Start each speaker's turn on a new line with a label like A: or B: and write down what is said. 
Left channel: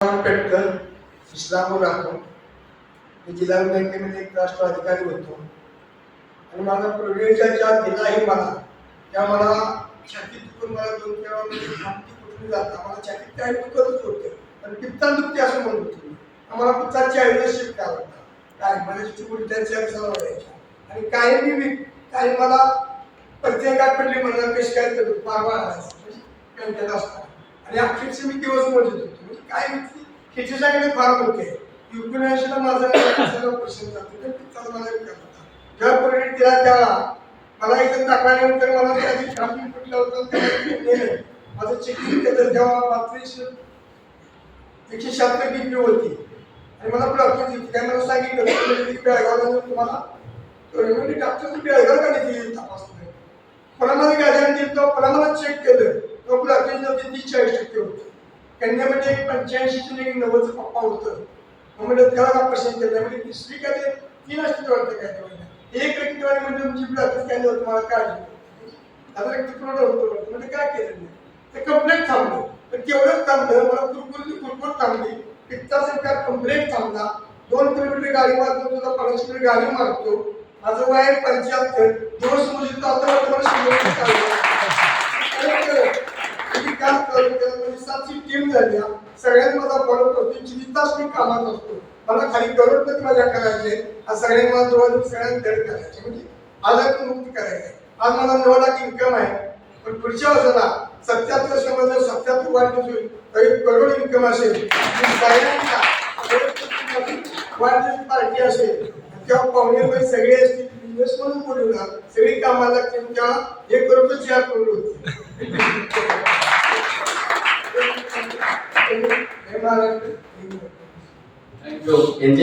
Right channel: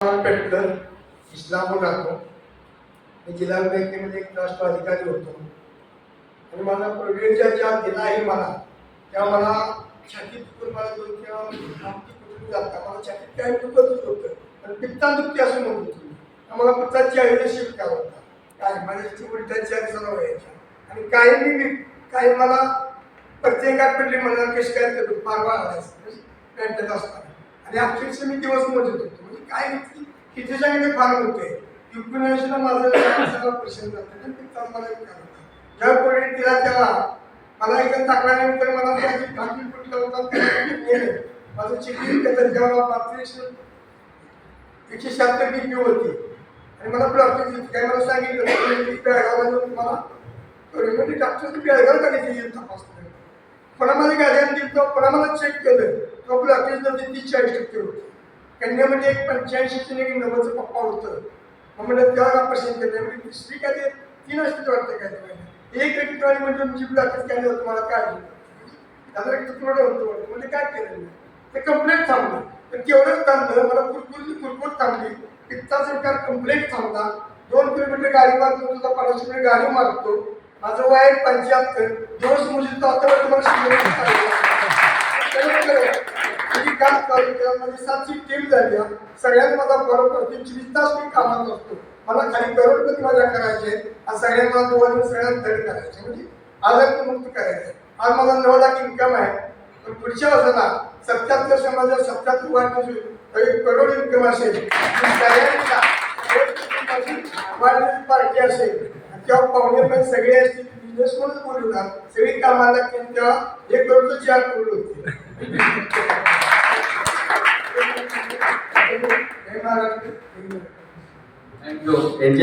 A: पेटकर इस्लामपूर राहतो. मी जिल्हा बँकेमध्ये एक राष्ट्र अधिकारी होतो. आणि माझा प्रोव्हिजन ज्या दिला आहे मला त्या मला छातीत दुखून मला दोन तेव्हा छाती कुठून जाता मला छातीत काय दुखतच होतं पण पित्ता दुखते असं म्हणत होतो आम्हाला पित्ताची आयुर्वेद काय होता? काय? माझ्या उलट्याची अडचण व्हायच्या आणि काही मी काही मला प्रत्येकात पडली म्हणून कशी काय ते मागवा आणायचं. म्हणजे असताना. आणि अक्षरशः मी दिवस मोजत होतो म्हणजे काय हिचे सांगितलं फार मोठे युक्रेनला माझं सर्व प्रश्न जाते. तर पित्ताचा मला विकार होता जर प्रगट दिला त्याला मला एकदम टाकल्यानंतर मला त्याची दिवशी फुटला होता माझं चेकिंग केलं तेव्हा पात्रीस एकशे शहात्तर डीपी होती. आणि मला डॉक्टर काय मला सांगितलं बेळगावला म्हणजे जाऊन तुम्हाला तर म्हणजे डॉक्टर बेळगाव काढायची नाही तपासलं कोणामध्ये गाड्याने दिली तो कोणा मला चेक केलं? तो डॉक्टर ते तीस चाळीस टक्के होतं. कन्यामध्ये एक पंच्याऐंशी एक नव्वदचं पप्पा होतं. मग म्हणलं तेव्हा ऑपरेशन केलं? म्हणजे तिसरी काय ते? तीन असते वाटतं काय ते महिन्यात. एक रक्तवाढी म्हणजे तुमची ब्लॉकेज काय होतं मला काळजी आता आता रक्तपुरवठा होतो वाटतं. म्हणजे काय केलं नाही? ते कंप्लेंट थांबलं. तर केवढं थांबलं? मला कुरकुरली कुरकुर थांबली. पित्ता सरकार कंप्लेंट थांबला. दोन किलोमीटर गाडी मारतो तुझा पन्नास किलोमीटर गाडी मारतो. माझं वय पंच्याहत्तर. दिवस मुलीचं आता टीम झाल्या सगळ्यात माझा फॉलो करतो चोवीस तास मी कामात असतो. मला खाली करोडपती माझ्या करायचे आज सगळ्यांना मला जवळ सगळ्यांना धड करायचे. म्हणजे आजात मुक्त करायचे. आज मला नऊ लाख इन्कम आहे. पण पुढच्या वर्षाला सत्याहत्तर समाजात सत्याहत्तर वाढ नसेल तर एक करोड इन्कम असेल. सगळ्यांचा वाढदिवस पार्टी असेल. तेव्हा पाहुणे पण सगळे असतील बिझनेस म्हणून बोलवणार सगळी कामाला लागतील तेव्हा एक करोड चार करोड होते जय महाराष्ट्र जय महाराष्ट्र.
B: Thank you